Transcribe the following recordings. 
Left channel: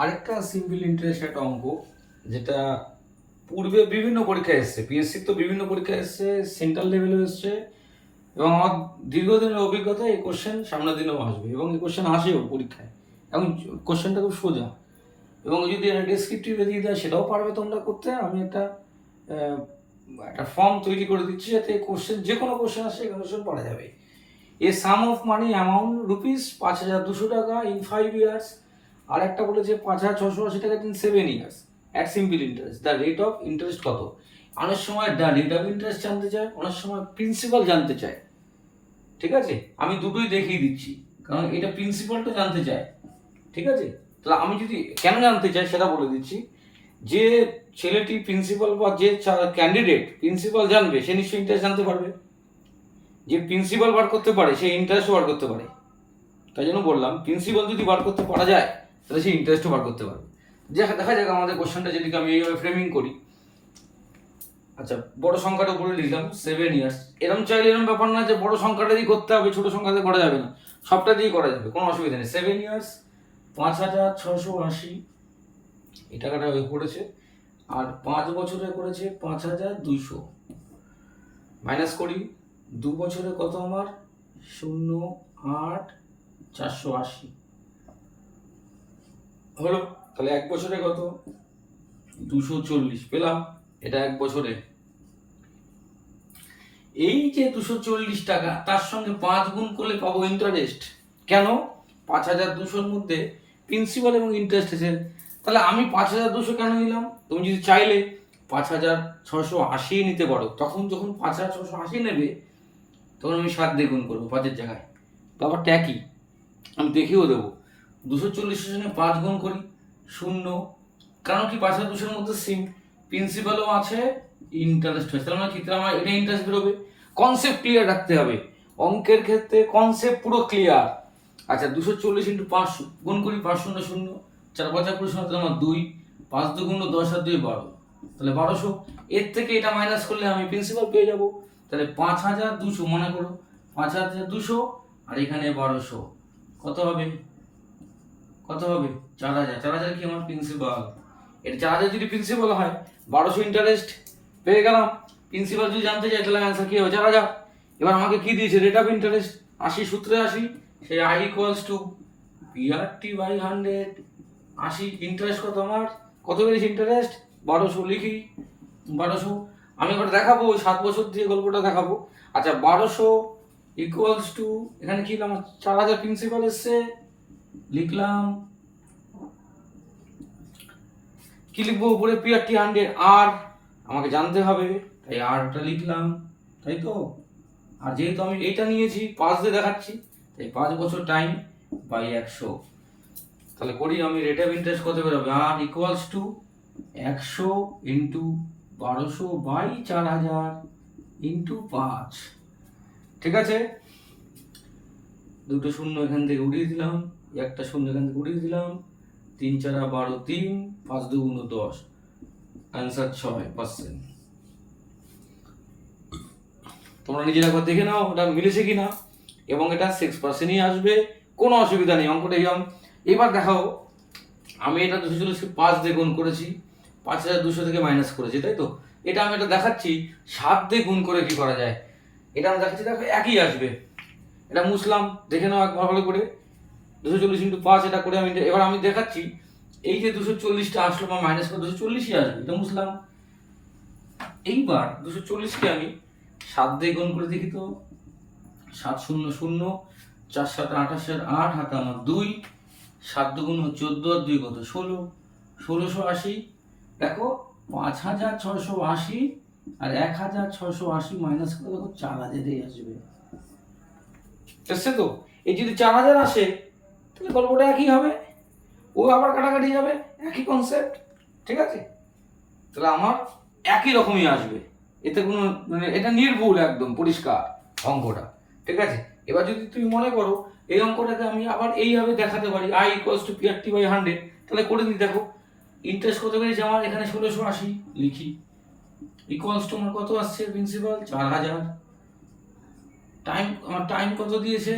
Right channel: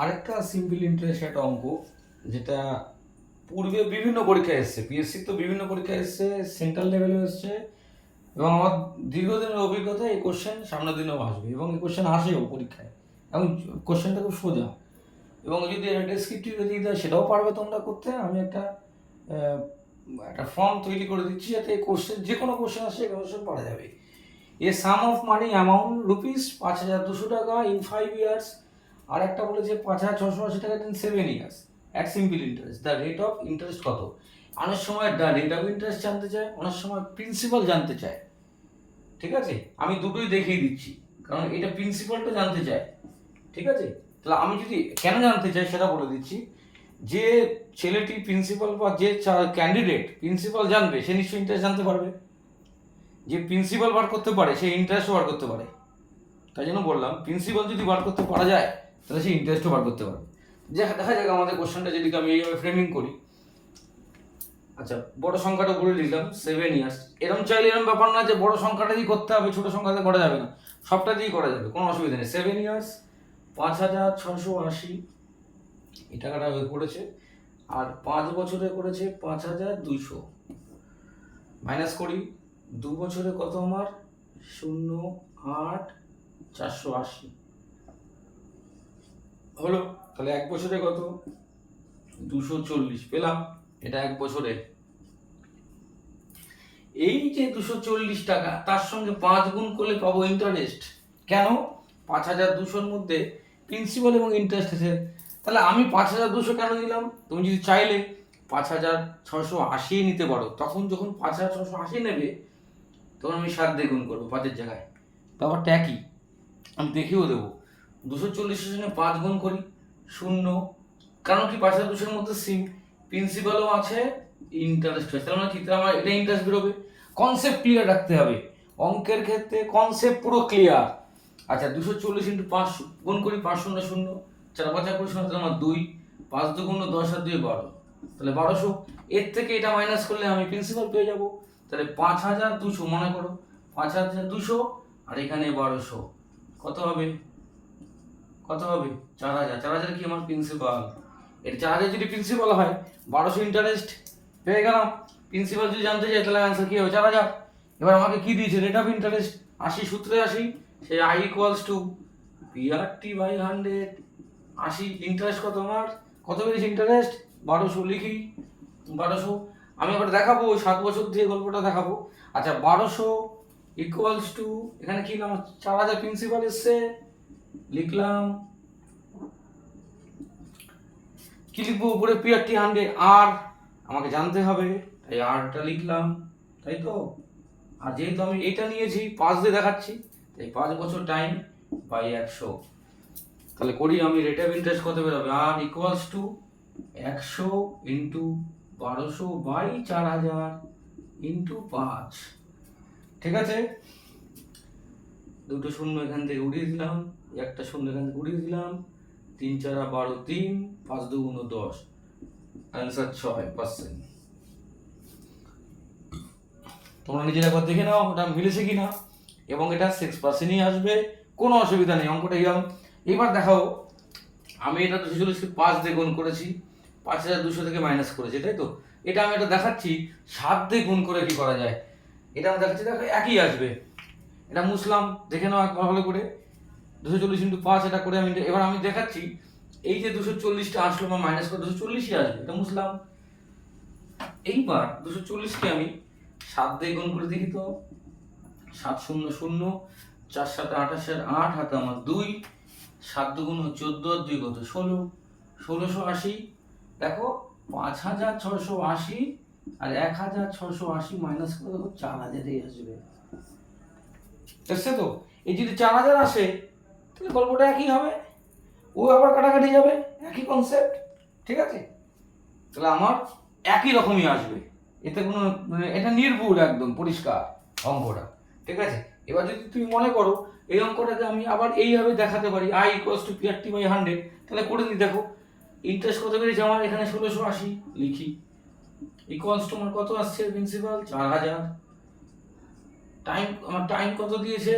আরেকটা simple interest একটা অঙ্ক, যেটা পূর্বে বিভিন্ন পরীক্ষায় এসছে, পিএসসি তো বিভিন্ন পরীক্ষায় এসছে, সেন্ট্রাল লেভেলে এসছে, এবং আমার দীর্ঘদিনের অভিজ্ঞতা এই কোশ্চেন সামনের দিনেও আসবে, এবং এই কোশ্চেন আসেও পরীক্ষায়। এবং কোশ্চেনটা খুব সোজা, এবং যদি একটা ডেসক্রিপটিভে দিয়ে দেয় সেটাও পারবে তোমরা করতে। আমি একটা ফর্ম তৈরি করে দিচ্ছি, যাতে এই কোশ্চেন, যে কোনো কোশ্চেন আসে এই কোশ্চেন পড়া যাবে। এ সাম অফ মানি অ্যামাউন্ট রুপিস 5,200 টাকা ইন 5 ইয়ার্স, আর একটা বলেছে 5,680 টাকা in 7 years at simple interest. The rate of interest কত? অনেক সময় দ্য রেট অফ ইন্টারেস্ট জানতে চায়, অনেক সময় প্রিন্সিপাল জানতে চায়। ঠিক আছে, আমি দুটোই দেখিয়ে দিচ্ছি, কারণ এটা প্রিন্সিপালটা জানতে চায়। ঠিক আছে, তাহলে আমি যদি কেন জানতে চাই সেটা বলে দিচ্ছি। যে ছেলেটি প্রিন্সিপাল বা যে ক্যান্ডিডেট প্রিন্সিপাল জানবে, সে নিশ্চয়ই ইন্টারেস্ট জানতে পারবে। যে প্রিন্সিপাল বার করতে পারে সে ইন্টারেস্টও বার করতে পারে। তাই জন্য বললাম, প্রিন্সিপাল যদি বার করতে পারা যায় তাহলে সে ইন্টারেস্টও বার করতে পারে। যে দেখা যাক আমাদের কোশ্চেনটা যদি আমি এইভাবে ফ্রেমিং করি। আচ্ছা, বড় সংখ্যাটা বলে দিলাম 7 ইয়ার্স। এরকম চাইলে এরকম ব্যাপার না যে বড় সংখ্যাটা দিয়ে করতে হবে, ছোট সংখ্যাতে করা যাবে না, সবটা দিয়ে করা যাবে, কোনো অসুবিধা নেই। 7 ইয়ার্স 5,680 এই টাকাটা করেছে, আর 5 বছরে করেছে 5,200। মাইনাস করি, 2 বছরে কত আমার 0,8,480 হলো। তাহলে 1 বছরে কত 240 পেলাম, এটা 1 বছরে। এই যে 240 টাকা, তার সঙ্গে 5 গুণ করলে পাবো ইন্টারেস্ট। কেন? 5,200-র মধ্যে প্রিন্সিপাল এবং ইন্টারেস্ট আছে, তাহলে আমি 5,200 কেন নিলাম? তুমি যদি চাইলে 5,680 নিতে পারো, তখন যখন 5,680 নেবে তখন আমি 7 দিয়ে গুণ করবো 5-এর জায়গায়। ব্যাপারটা একই, আমি দেখিয়েও দেবো। 240-এর সঙ্গে 5 গুণ করি 0, কারণ কি 5,200-এর মধ্যে প্রিন্সিপালও আছে, ইন্টারেস্ট হয়েছে, তাহলে মানে কি, তাহলে আমার এটা ইন্টারেস্ট বেরোবে। কনসেপ্ট ক্লিয়ার রাখতে হবে, অঙ্কের ক্ষেত্রে কনসেপ্ট পুরো ক্লিয়ার। আচ্ছা, 240 ইন্টু 5 গুণ করি, 5 শূন্য 0, 4 5 20, তাহলে আমার 2, 5 2 গুণ 10 আর 2 12, তাহলে 1200। এর থেকে এটা মাইনাস করলে আমি প্রিন্সিপাল পেয়ে যাব। তাহলে 5,200 মনে করো, 5,200 আর এখানে 1200, কত হবে? কত হবে? 4,000। 4,000 কি আমার প্রিন্সিপাল? এর 4,000 যদি প্রিন্সিপাল হয়, 1200 ইন্টারেস্ট পেয়ে গেলাম। প্রিন্সিপাল যদি জানতে চাই তাহলে অ্যান্সার কি হবে? 4,000। এবার আমাকে কি দিয়েছে? রেট অফ ইন্টারেস্ট 80 সূত্রে 80, সেই I equals to PRT by 100। 80 interest কত আমার? কত বেড়েছে ইন্টারেস্ট? 1200 লিখি, 1200। আমি আবার দেখাবো 7 বছর দিয়ে গল্পটা দেখাবো। আচ্ছা, 1200 ইকুয়ালস টু, এখানে কি লিখলাম? 4,000 প্রিন্সিপাল এসছে, লিখলাম। কি লিখবো উপরে? পিআরটি 100, আর আমাকে জানতে হবে, তাই আরটা লিখলাম, তাই তো। আর যেহেতু আমি এইটা নিয়েছি 5 দিয়ে দেখাচ্ছি, তাই 5 বছর টাইম বাই 100। তাহলে করি আমি, রেট অফ ইন্টারেস্ট কত বেরোবে? R equals to 100 into 1200 by 4,000 into 5। ঠিক আছে, দুটো শূন্য এখান থেকে উড়িয়ে দিলাম, একটা শূন্য এখান থেকে উড়িয়ে দিলাম, 3 4 12, 3 5 2 10, অ্যান্সার 6%। তোমরা নিজেরা একবার দেখে নাও ওটা মিলেছে কিনা, এবং এটা 6%ই আসবে, কোনো অসুবিধা নেই। অঙ্কটা এবার দেখাও, আমি এটা 240 5 দিয়ে গুণ করেছি, 5,200 থেকে মাইনাস করেছি, তাই তো। এটা আমি এটা দেখাচ্ছি 7 দিয়ে গুণ করে কি করা যায়, এটা আমি দেখাচ্ছি। দেখো একই আসবে, এটা মুছলাম, দেখে নাও একবার ভালো করে। 240 ইন্টু 5 এটা করে আমি এবার আমি দেখাচ্ছি, এই যে 240টা আসলো বা মাইনাস করে 240ই আসবে, এটা মুছলাম। এইবার 240কে আমি 7 দিয়ে গুণ করে দেখি তো, 7 0 0, 4 7 28, 8 হাতে আমার 2, 7 2 14 আর 2 কত 16, 1680। দেখো 5,680 আর 1,680 মাইনাস করে দেখো 4,000-ই আসবে। এসছে তো। এই যদি 4,000 আসে তাহলে গল্পটা একই হবে, ও আবার কাটাকাটি যাবে, একই কনসেপ্ট। ঠিক আছে, তাহলে আমার একই রকমই আসবে, এতে কোনো মানে এটা নির্ভুল, একদম পরিষ্কার অঙ্কটা। ঠিক আছে, এবার যদি তুমি মনে করো এই অঙ্কটাকে আমি আবার এইভাবে দেখাতে পারি, I equals to PRT by 100, তাহলে করে দিই। দেখো ইন্টারেস্ট কত বেড়েছে আমার, এখানে 1680 লিখি, ইকুয়ালস টু আমার কত আসছে প্রিন্সিপাল? 4,000। টাইম, আমার টাইম কত দিয়েছে?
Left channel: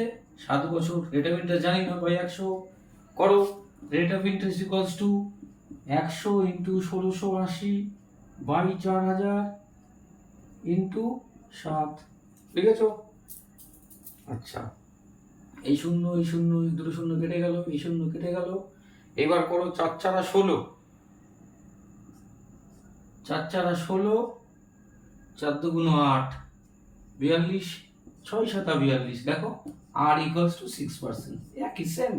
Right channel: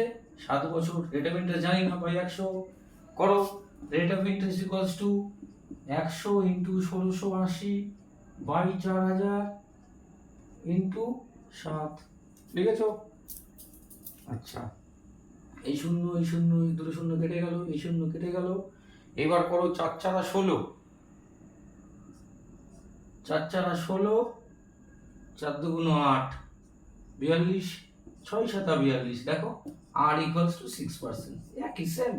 7 বছর। রেট অফ ইন্টারেস্ট জানি না, বাই 100 করো, rate of interest equals to 100 into 1680 by 4000 into 7, লিখেছো? আচ্ছা, এই শূন্য এই শূন্য এই দুটো শূন্য কেটে গেল, এই শূন্য কেটে গেল। এবার করো 4 4 16, 4 4 16, 4 2 8, 42, 6 7 42, দেখো আর ইকুয়ালস টু 6%, একই সেম।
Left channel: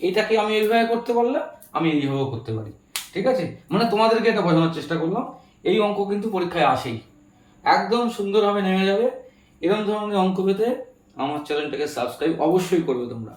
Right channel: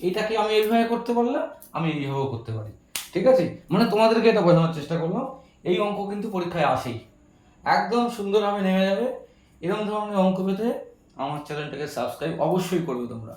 এটাকে আমি এইভাবে করতে পারলাম, আমি এইভাবেও করতে পারি, ঠিক আছে? মানে তোমাদেরকে এটা বোঝানোর চেষ্টা করলাম, এই অঙ্ক কিন্তু পরীক্ষায় আসেই, একদম সুন্দরভাবে নেমে যাবে। এরকম ধরনের অঙ্ক পেতে আমার চ্যানেলটাকে সাবস্ক্রাইব অবশ্যই করবে তোমরা।